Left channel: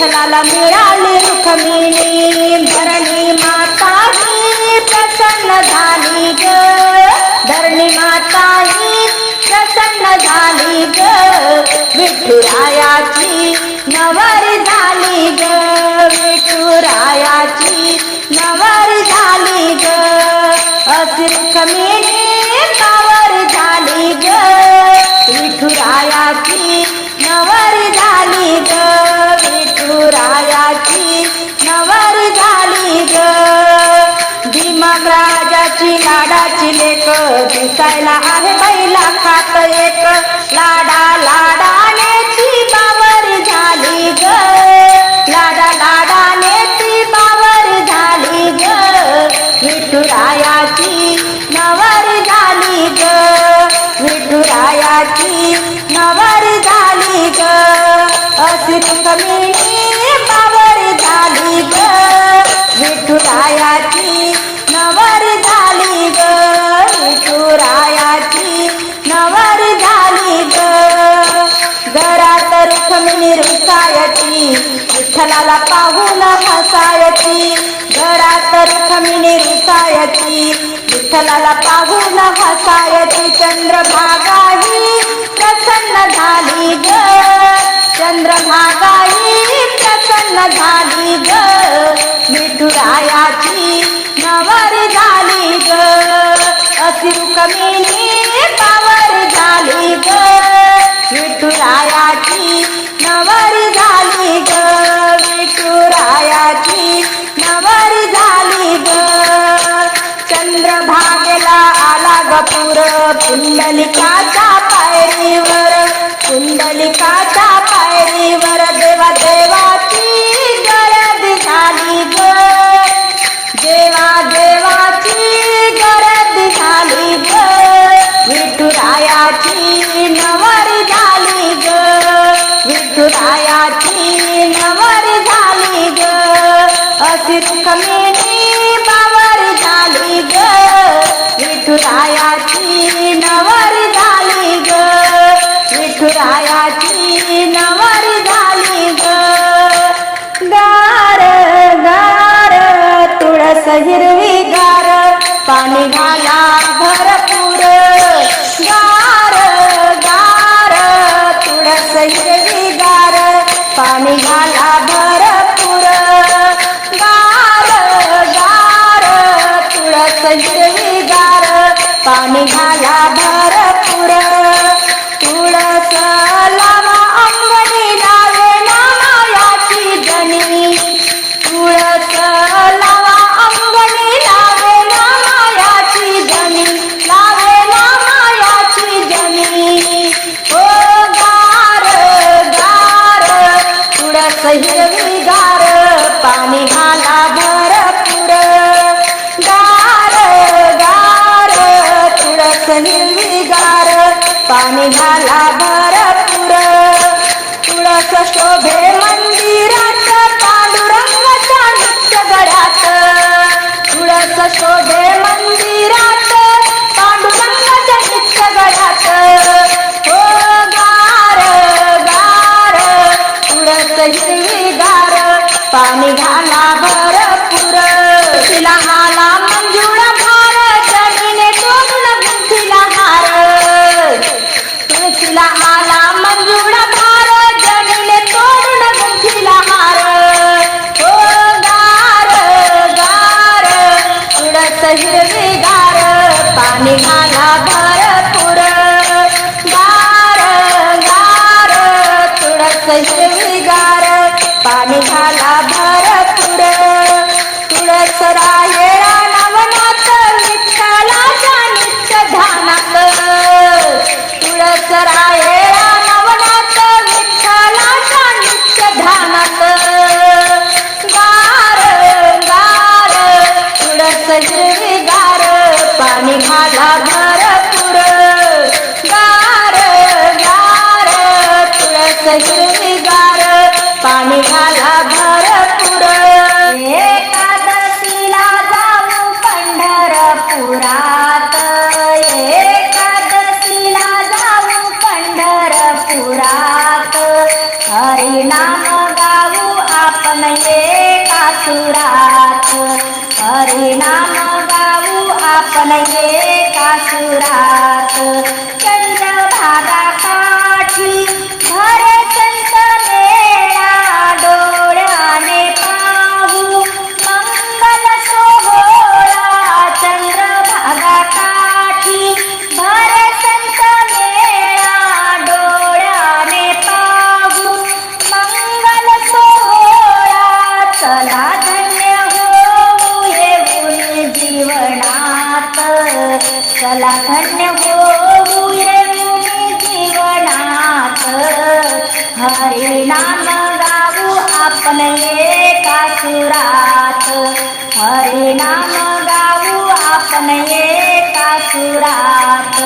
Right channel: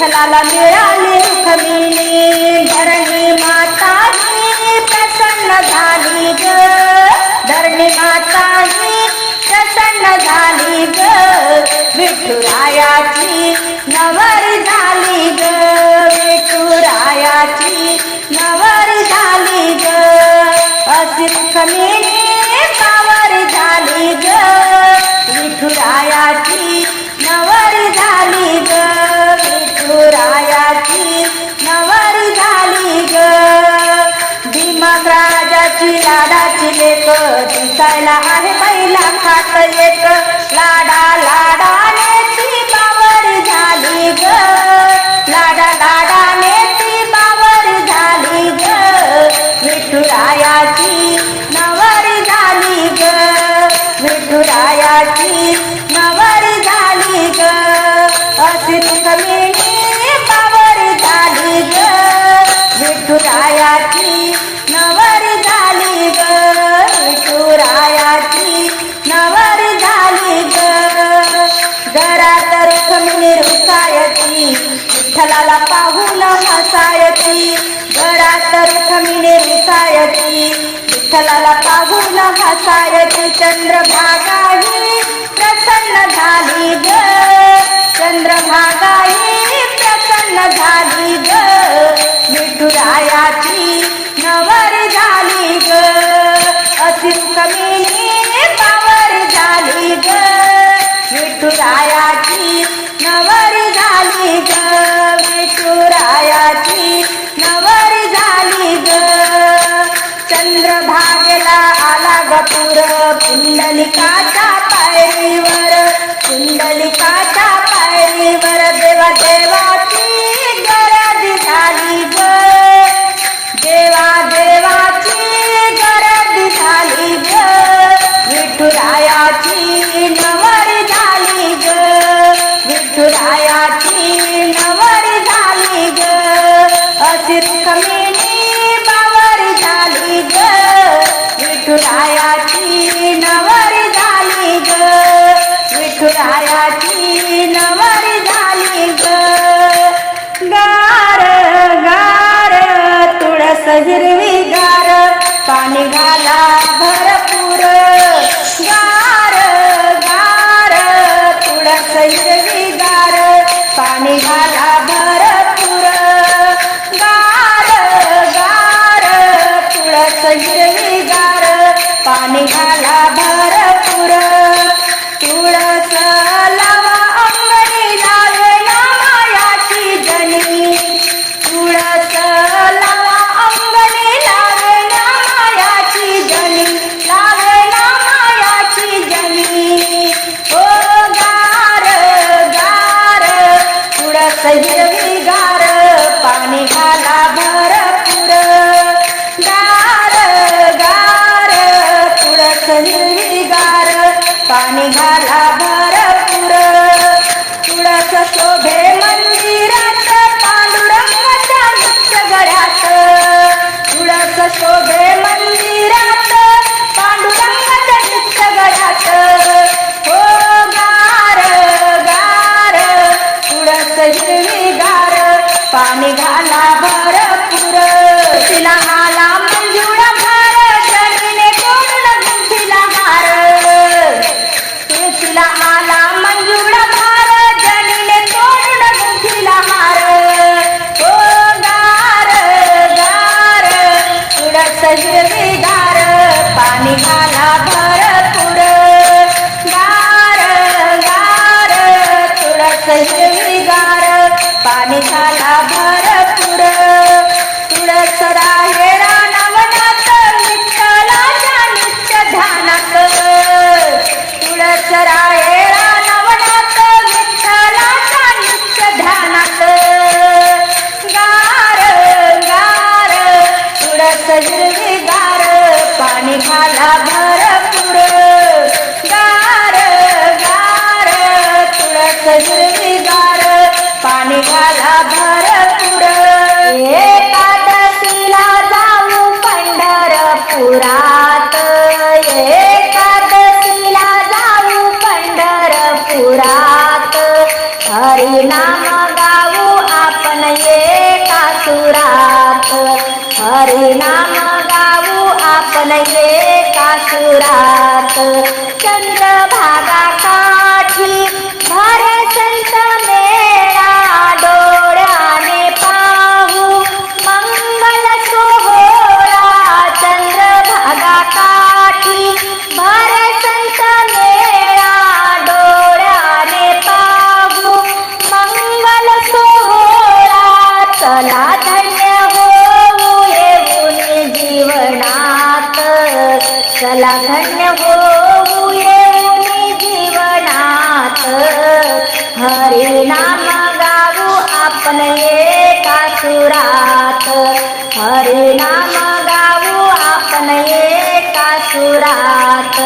विठ्ठलाला मिळाली रुखमिणी धरणी माता ही प्रसन्न झाली ग. धरणी माता ही प्रसन्न झाली ग. विठुरायाची नवर झाली ग. विठुरायाची नवर झाली ग. अशी रुक्मिणी पावर झाली ग. विठुरायाची नवर झाली ग. रायाची नवर झाली ग. भीमक राजाची लाडाची लेक दिसायला आहे बैला खात एक. लाडा लाडा निरुसायती विठ्ठलाला पाहून हसायची घरात रुक्मिणी रुसायची विठ्ठलाला पाहून हसायची चंद्रभागाही प्रसन्न झाली ग. चंद्रभागाही प्रसन्न झाली ग. मिठुरायाची नवर झाली ग. अशी रुक्मिणी पावर झाली ग. विठुरायाची नवर झाली ग विठुरायाची नवर झाली ग. चंद्रभागेला आला गपूर पुंडलिकाच्या पायरीवर पुंडलिकाच्या पायरीवर देवा देवा la la la. Oh. Hari नाम गाऊ आपण एका सुरात. हरी नाम गाऊ आपण एका सुरात.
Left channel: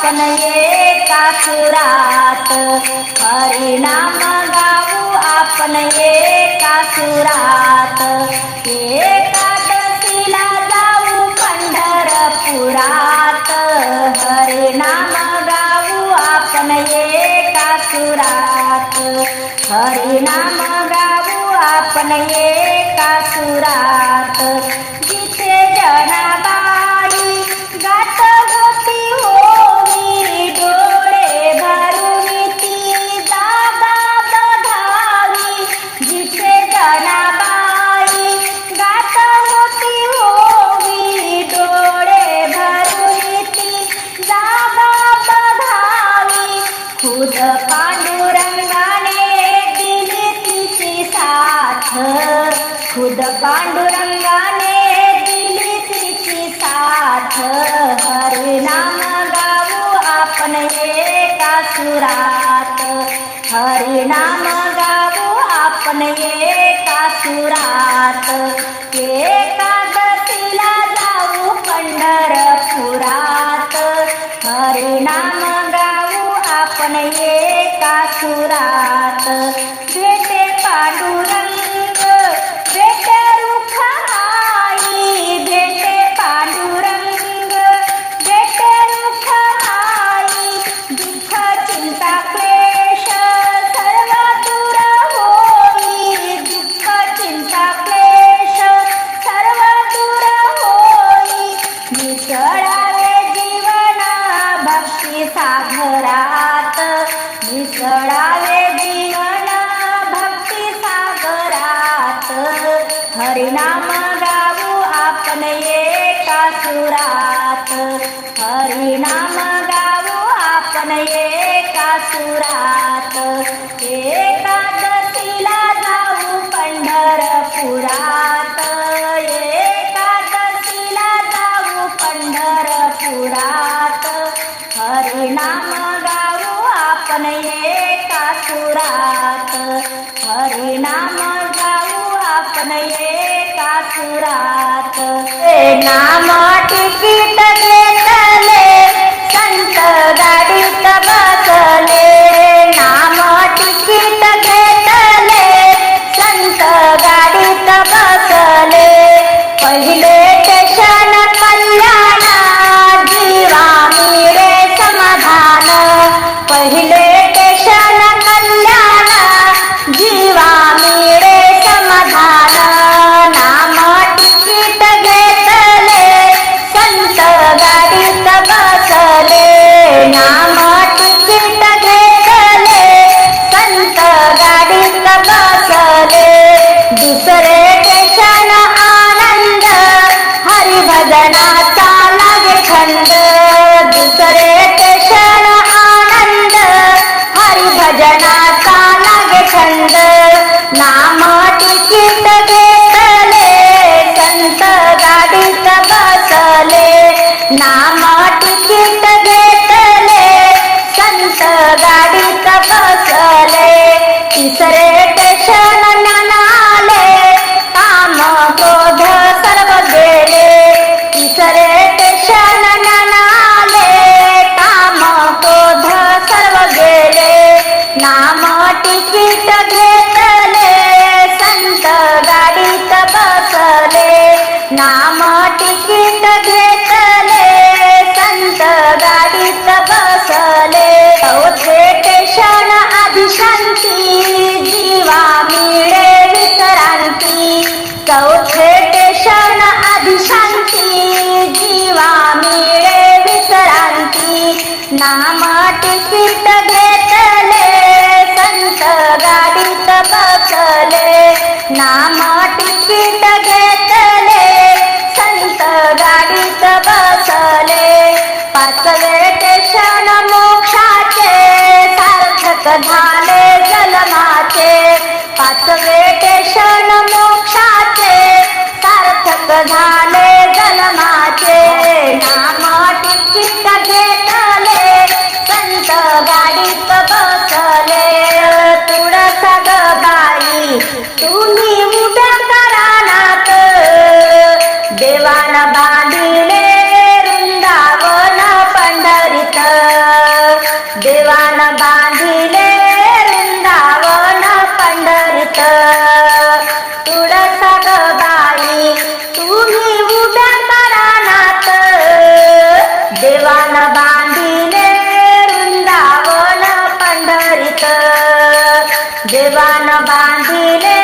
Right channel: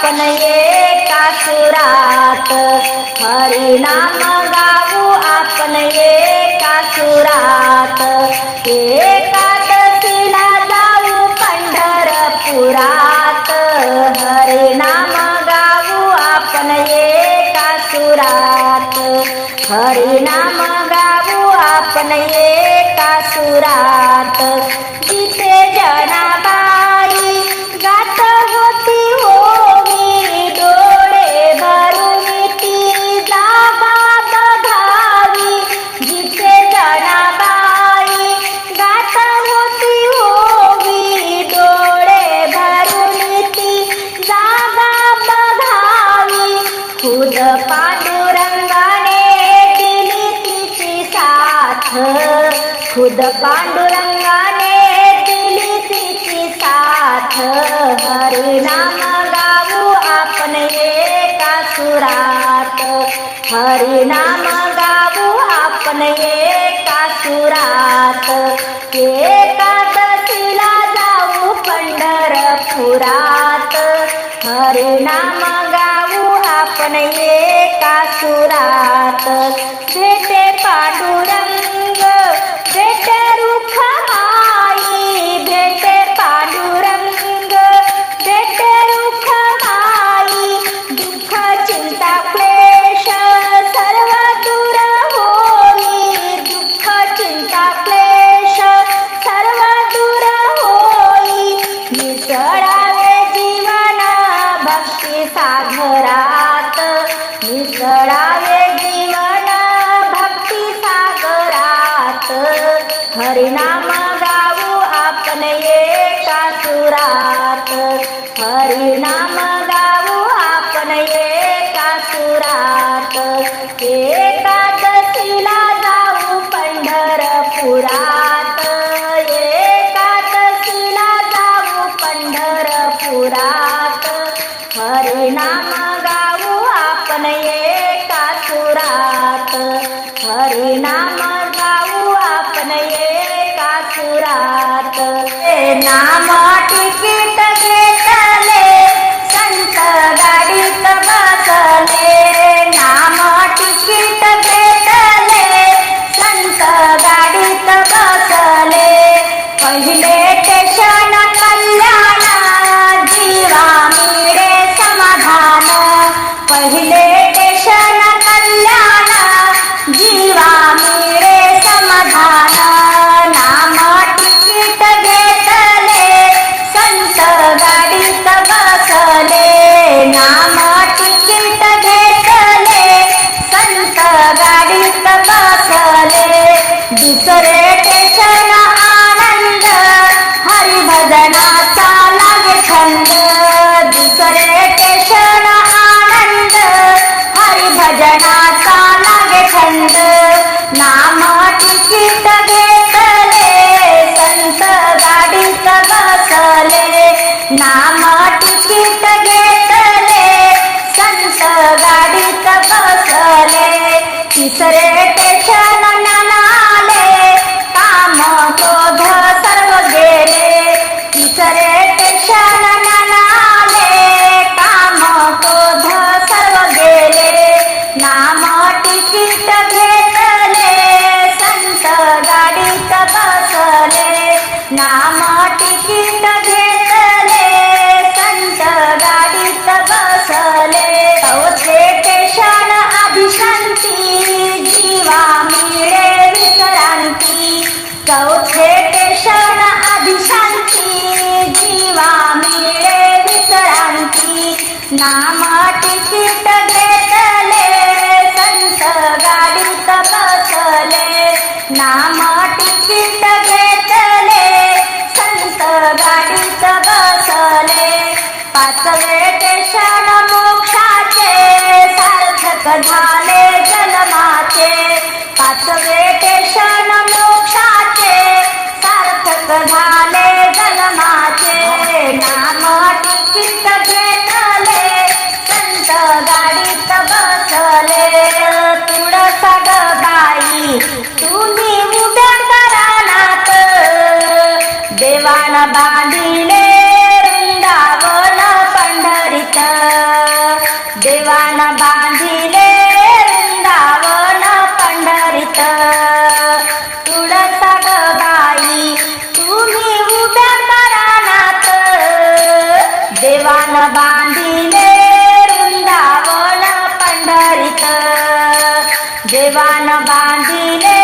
आपण एका सुरात हरिनाम गाऊ आपण एका सुरात एकादशीला जाऊ पंढरपुरात. हरिनाम गाऊ आपण एका सुरात हरिनाम गाऊ आपण एका सुरात खुद पांडुरंगाने दिली तिची साथ. हरिनाम गाऊ आपण एका सुरात. हरिनाम गाऊ आपण साखरात मिसळा ಹೆಸರೇ ಪೇಶ नाम तिकीट घेतले संत गाडीत बसले. नाम तिकीट घेतले संत गाडीत बसले. पाचवे स्टेशन मोक्षाचे सार्थक झाले जलमाचे पाचवे स्टेशन तुम्ही उभ्या करानात देवान बांधिले वृंदावन पंढरीत. देवान बांधिले वृंदावन पंढरीत. तुळस बाई तुम्ही उभ्या करानात देवान बांधिले वृंदावन पंढरीत. देवान बांधिले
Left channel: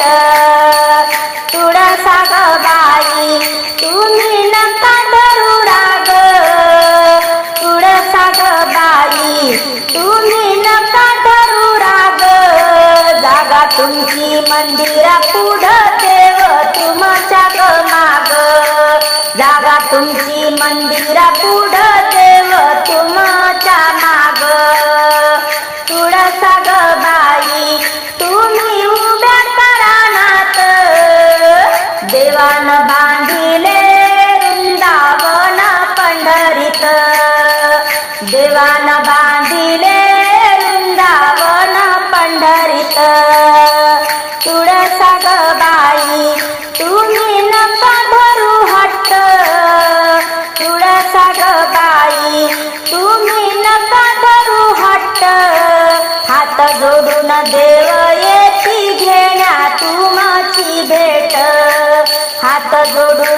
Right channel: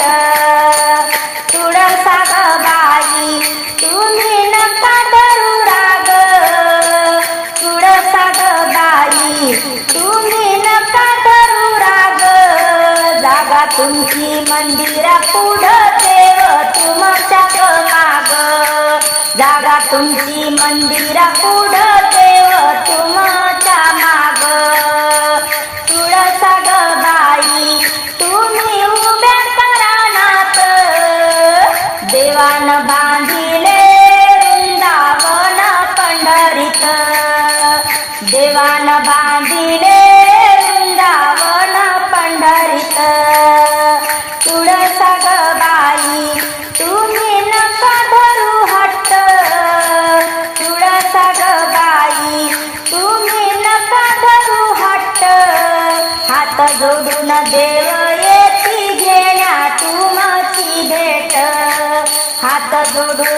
पंढरीत तुळसा ग बाई तुम्ही नका धरू राग. तुळसा ग बाई तुम्ही नका धरू राग. जागा तुमची मंदिरा पुढं देव तुमच्या ग माग. जागा तुमची मंदिरा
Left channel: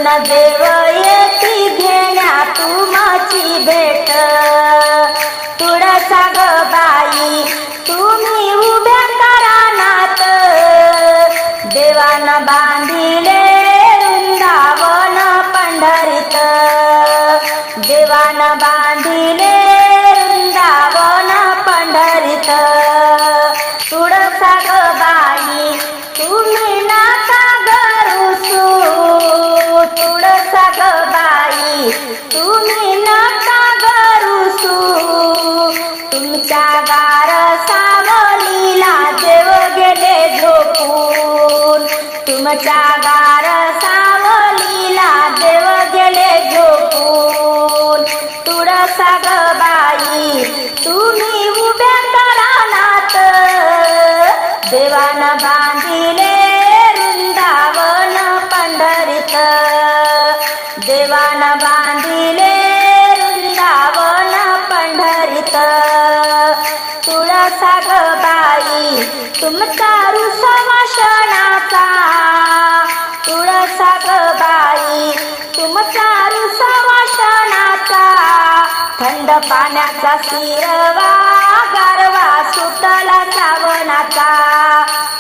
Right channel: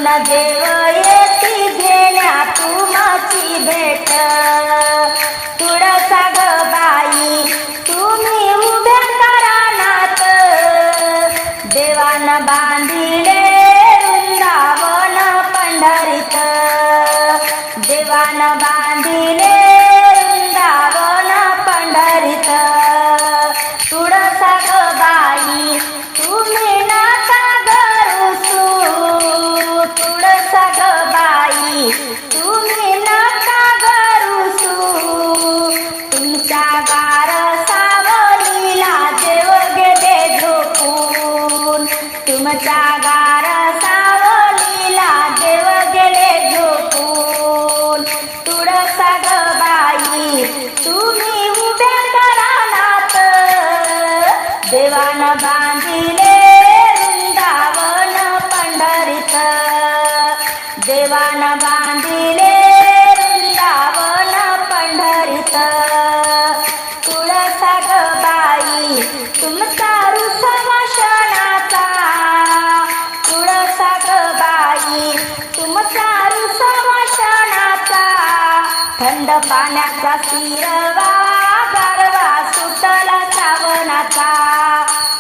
जोडून देव तुमच्या गार सावलीला देव गेले झोपू पाण्याचा शिरवा गारवा सुटला श्रावणाचा.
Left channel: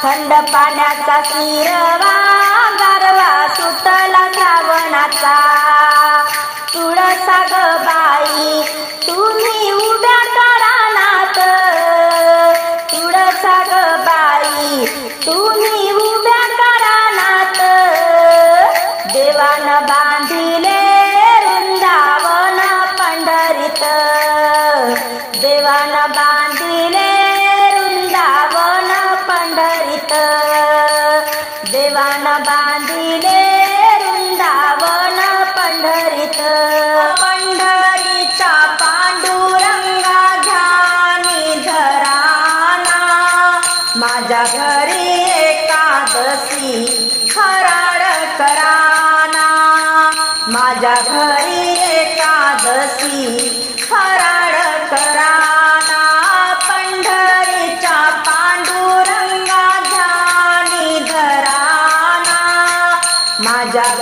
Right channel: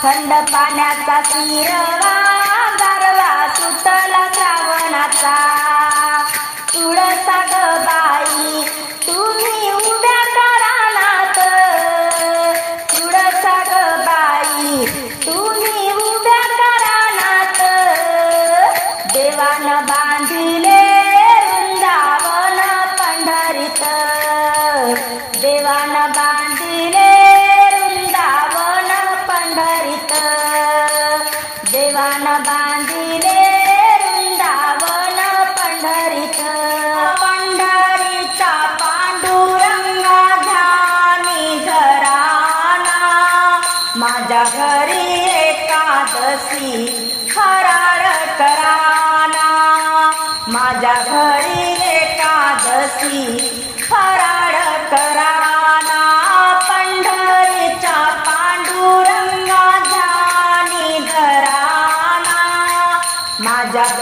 थंड पाण्याचा शिरवा गारवा सुटला श्रावणाचा. तुळसा ग बाई तुम्ही उभ्या करानात तुळसा ग बाई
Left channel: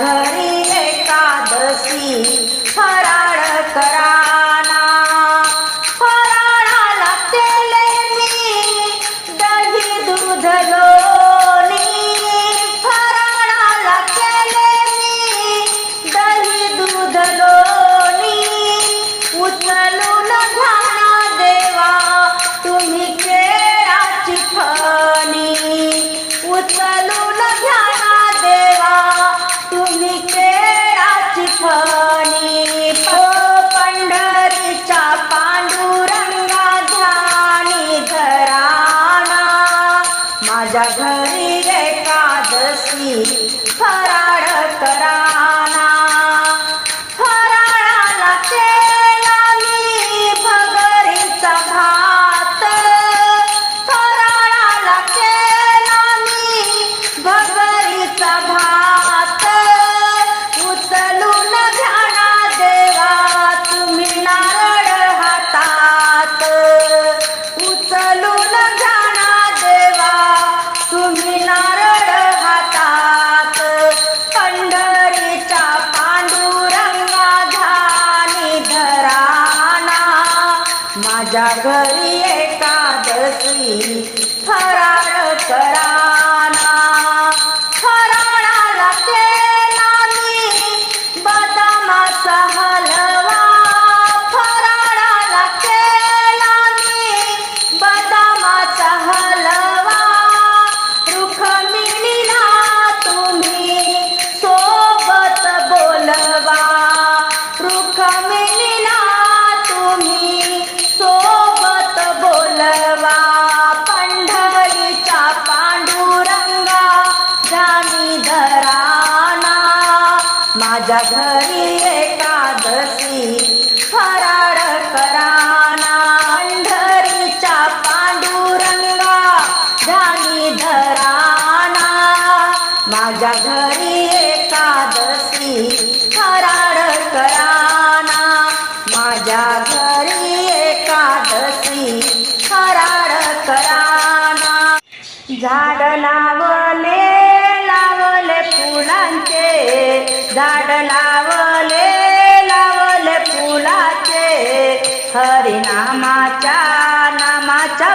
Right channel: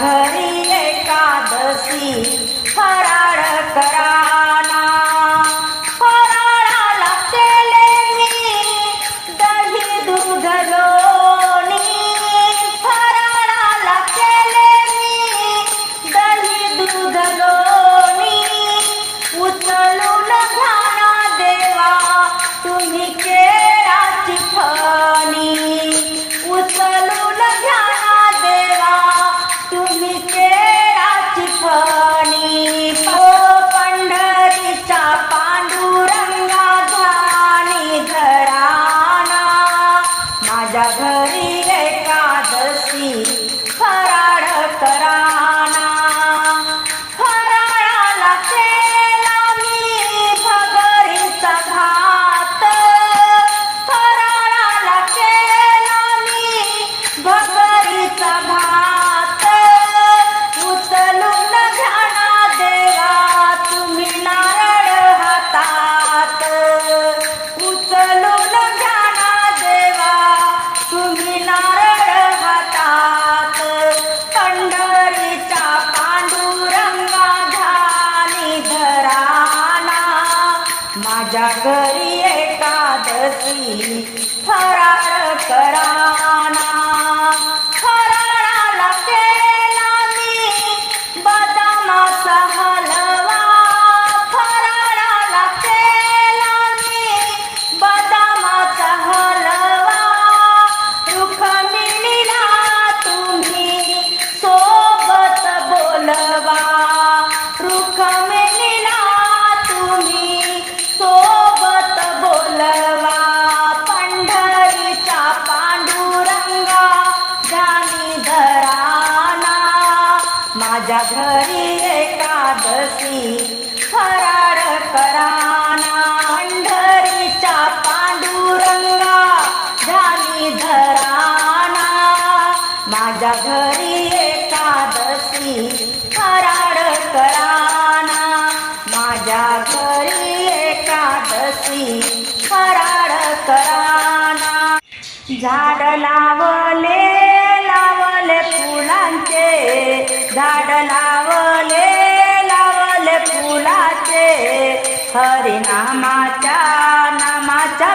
घरी एकादशी फराळ करा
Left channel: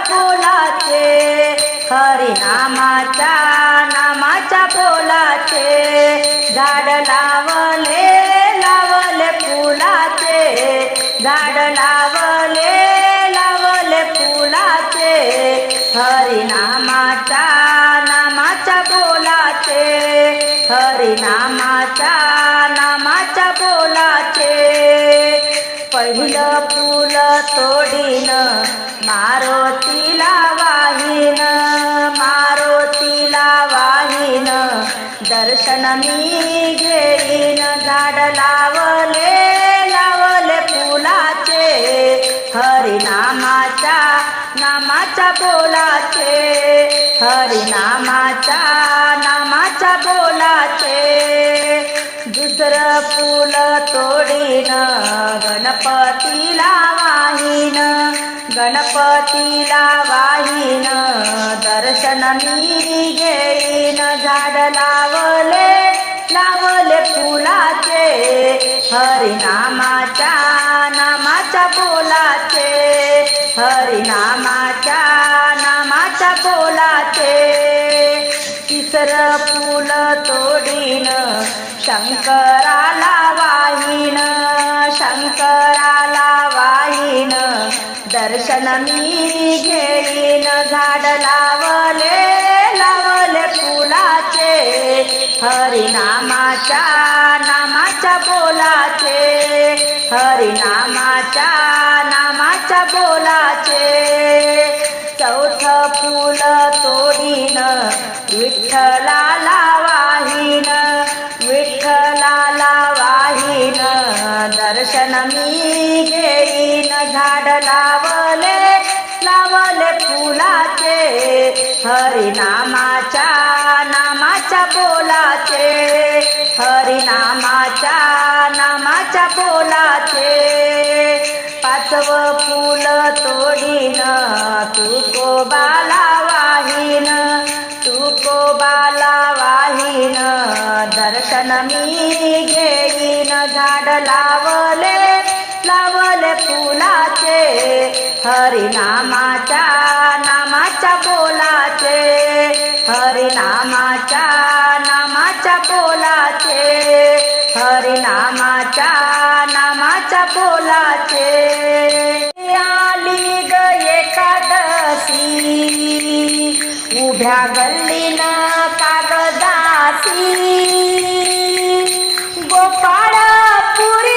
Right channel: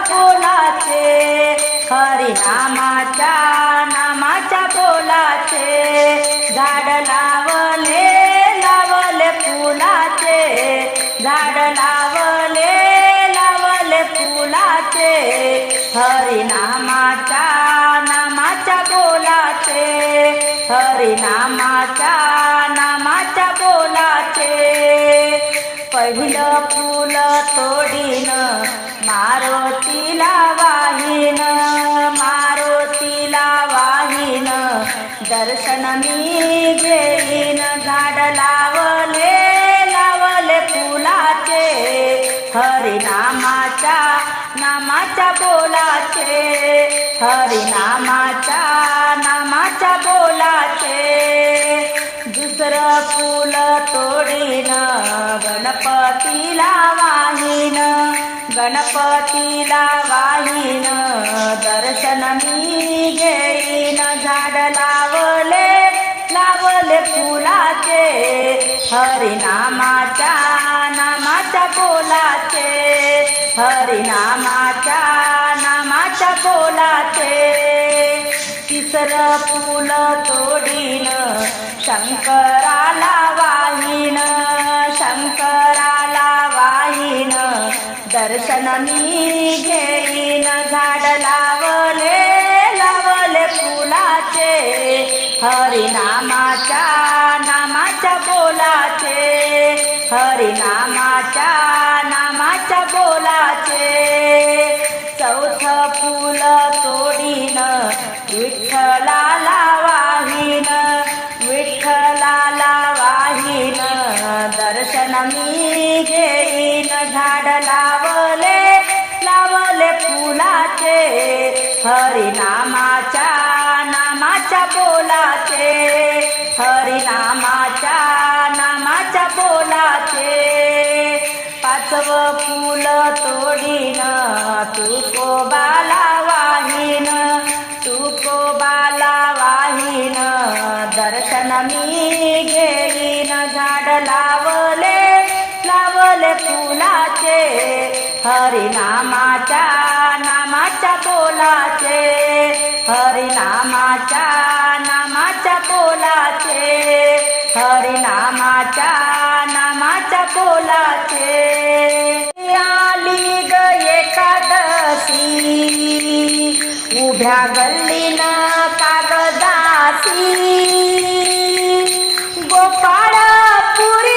बोलाचे हरिनामाच्या नामाच्या बोलाचे. झाड लावले लावले फुलाचे. झाड लावले लावले फुलाचे. हरी नामाच्या बोलाचे. हरी नामाच्या बोलाचे. पहिलं फुल तोडी दर्शन मी घेईन झाड लावले लावले फुलाचे हरिनामाच्या नामाच्या बोलाचे हरिनामाच्या नामाच्या बोलाचे. दुसरं फुल तोडीन गणपतीला वाहीन गणपतीला वाहीन दर्शन मी घेईन झाड लावले फुलाचे हरिनामाच्या नामाच्या बोलाचे हरिनामाच्या नामाच्या बोलाचे तिसरं फुल तोडीन शंकराला वाहीन शंकराला वाहीन. दर्शन मी घेईन झाड लावले लावले फुलाचे. हरिनामा नामाच्या बोलाचे हरिनामाच्या नामाच्या बोलाचे. चौथ फुल तोडीन विठ्ठलाला वाहीन विठ्ठलाला वाहीन दर्शन मी घेईन झाड लावले लावले फुलाचे. हरिनामा हरिनामाच्या नामाच्या बोलाचे हरिनामाच्या नामाच्या बोलाचे हरिनामाच्या नामाच्या बोलाचे आली ग एकादशी उभ्या गल्लीन कागदासी. गोपाळ पुरी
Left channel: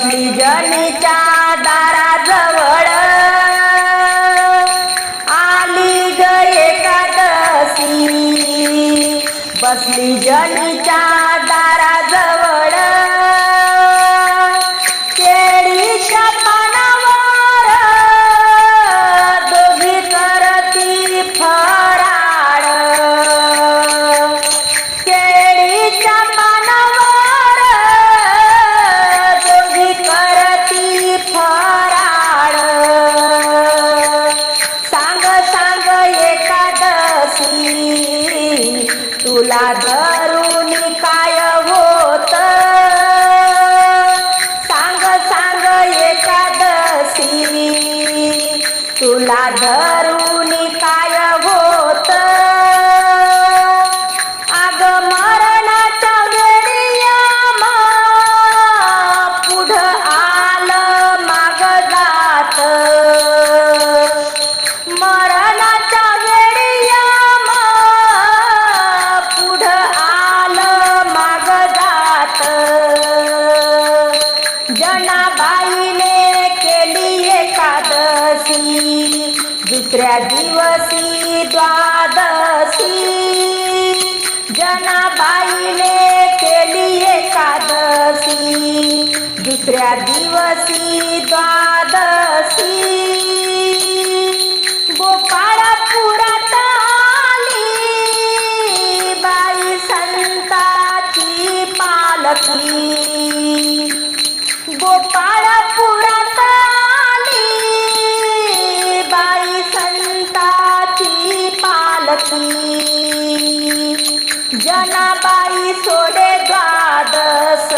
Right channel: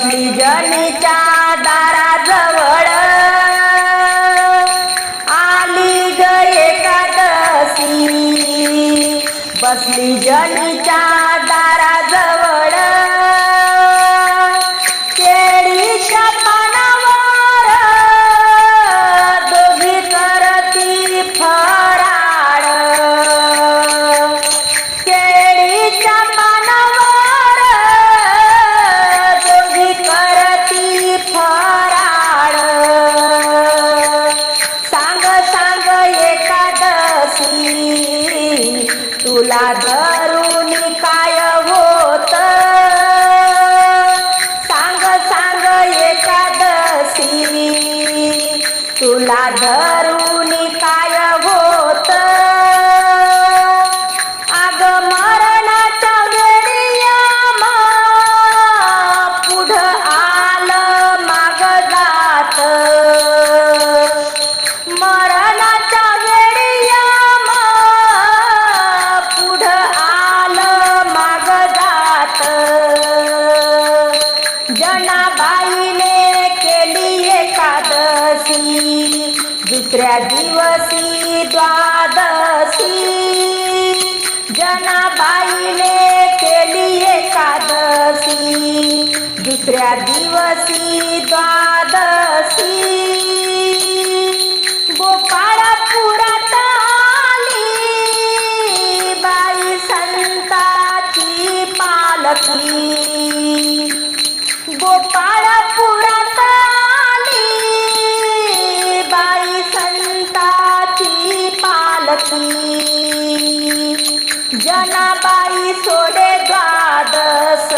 बसली जनीच्या दाराजवळ आली ग एकादशी. बसली जनीच्या एकादशी दुसऱ्या दिवशी द्वादशी. जनाबाईने केली एकादशी. दुसऱ्या दिवशी द्वादशी. गोपाळपुरात आली. बाई संताची पालकी गोपाळ बाई सोडे द्वादस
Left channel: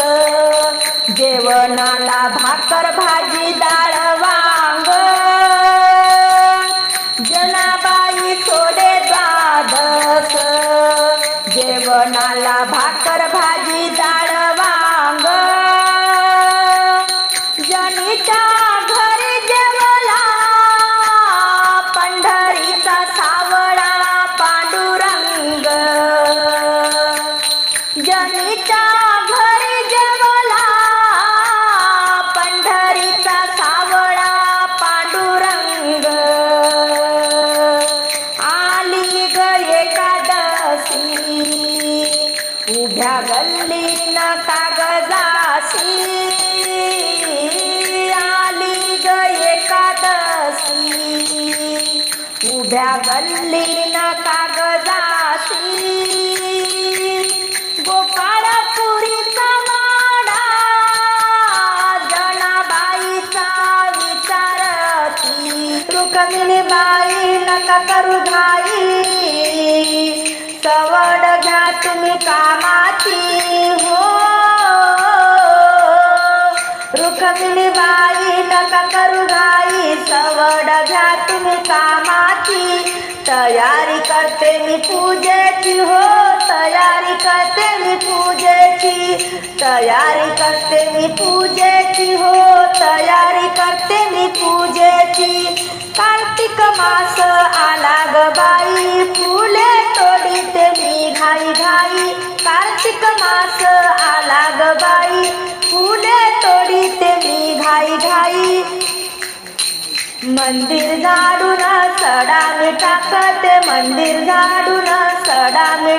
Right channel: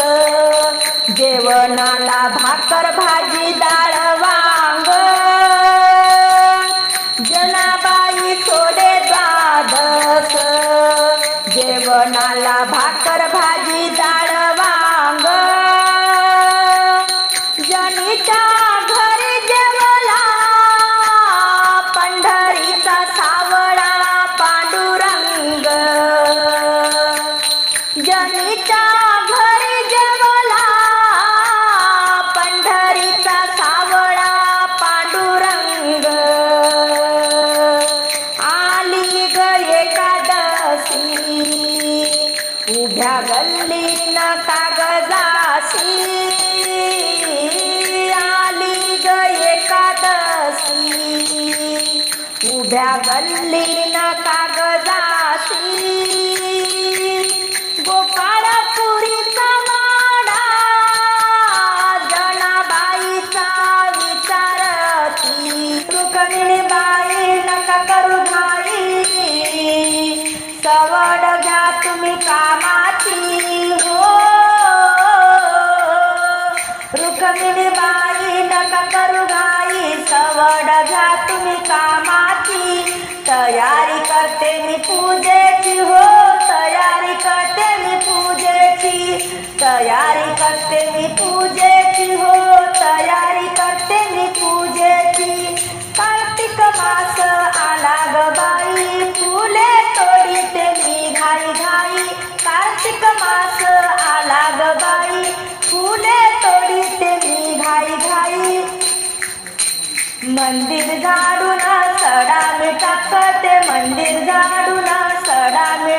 जेवणाला भाकर भाजी उभ्या गल्लीन कागदाशी गोपाळपुरीचा वाडा जनाबाईचा विचारती रुक्मिणी बाई नका करू भाई सवड घ्या तुम्ही कामाची. तयारी करते मी पूजेची हो तयारी करते मी पूजेची. तयारी करते मी पूजेची हो तयारी करते मी पूजेची. कार्तिक मास आला ग बाई फुले तोडीते मी घाई घाई. कार्तिक मास आला ग बाई मंदिर झाडून सडा मी मंदिर झाडून सडा मी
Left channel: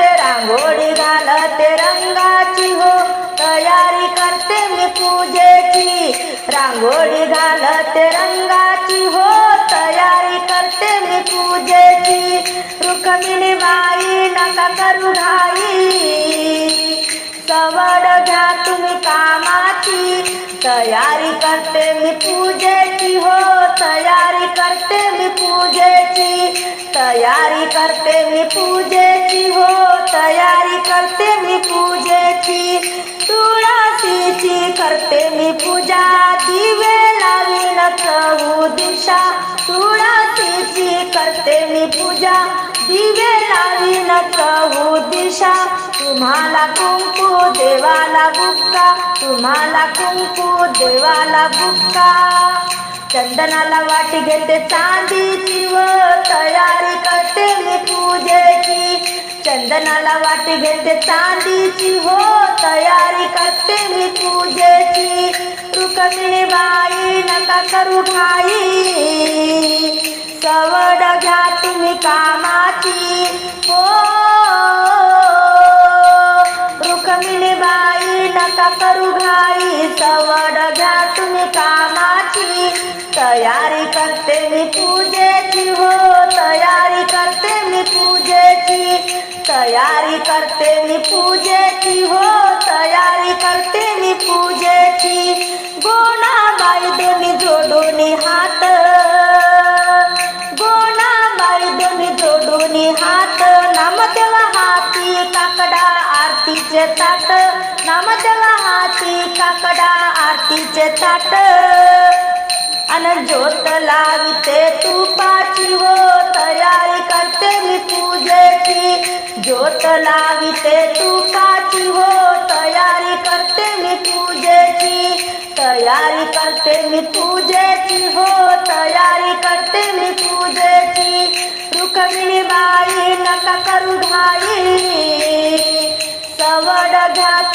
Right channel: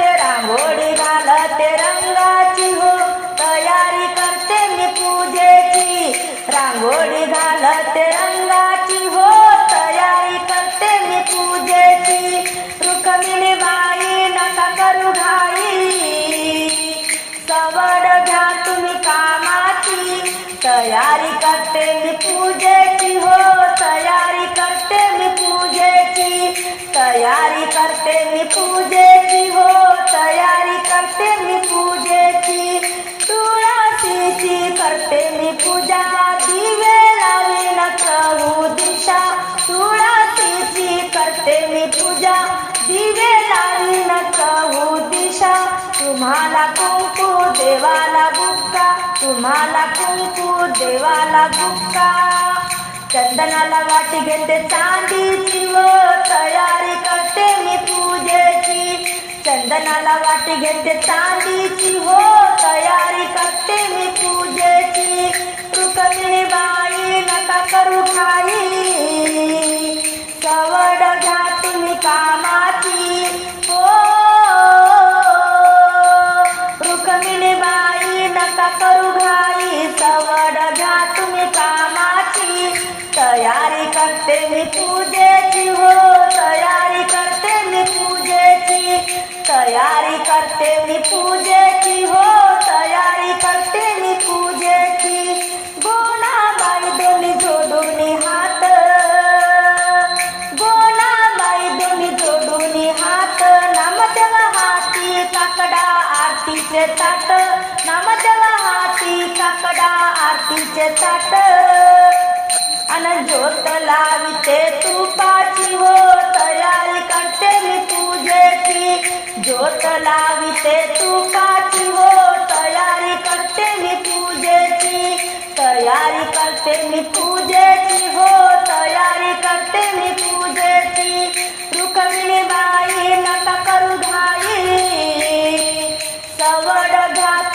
रांगोळी घालत रंगाची हो तयारी करते मी पूजेची. रांगोळी घालत रंगाची हो तयारी करते मी पूजेची. रुक्मिणी बाई नका करू घाई तयारी करते मी पूजेची हो तयारी करते मी पूजेची. तयारी करते मी पूजेची हो तयारी करते मी पूजेची. तुळशीची करते मी पूजा दिवे लावीन चहू दिशा. तुळशीची करते मी पूजा दिवे लावी चहू दिशा तुम्हाला कुंकू देवाला बुक्का तुम्हाला कुंकू देवाला बुक्का चंदनाला वाटी घेते चांदीची व तयारी करते मी पूजेची. चंदनाला वाटी घेते चांदीची हो तयारी करते मी पूजेची. रुक्मिणी बाई नका करू ठाई सवड घ्या तुम्ही कामाची. हो रुक्मिणी बाई नका करू घाई सवड घ्या तुम्ही कामाची. तयारी करते मी पूजेची हो तयारी करते मी पूजेची. तयारी करते मी पूजेची हो तयारी करते मी पूजेची. आरतीचे ताट नामदेवा हाती काकडा आरतीचे ताट. अन ज्योत लाविते तुपाची हो तयारी करते मी पूजेची. ज्योत लाविते तुपाची हो तयारी करते मी पूजेची. तयारी करते मी पूजेची हो तयारी करते मी पूजेची. रुकमिणी बाई नका करू घाई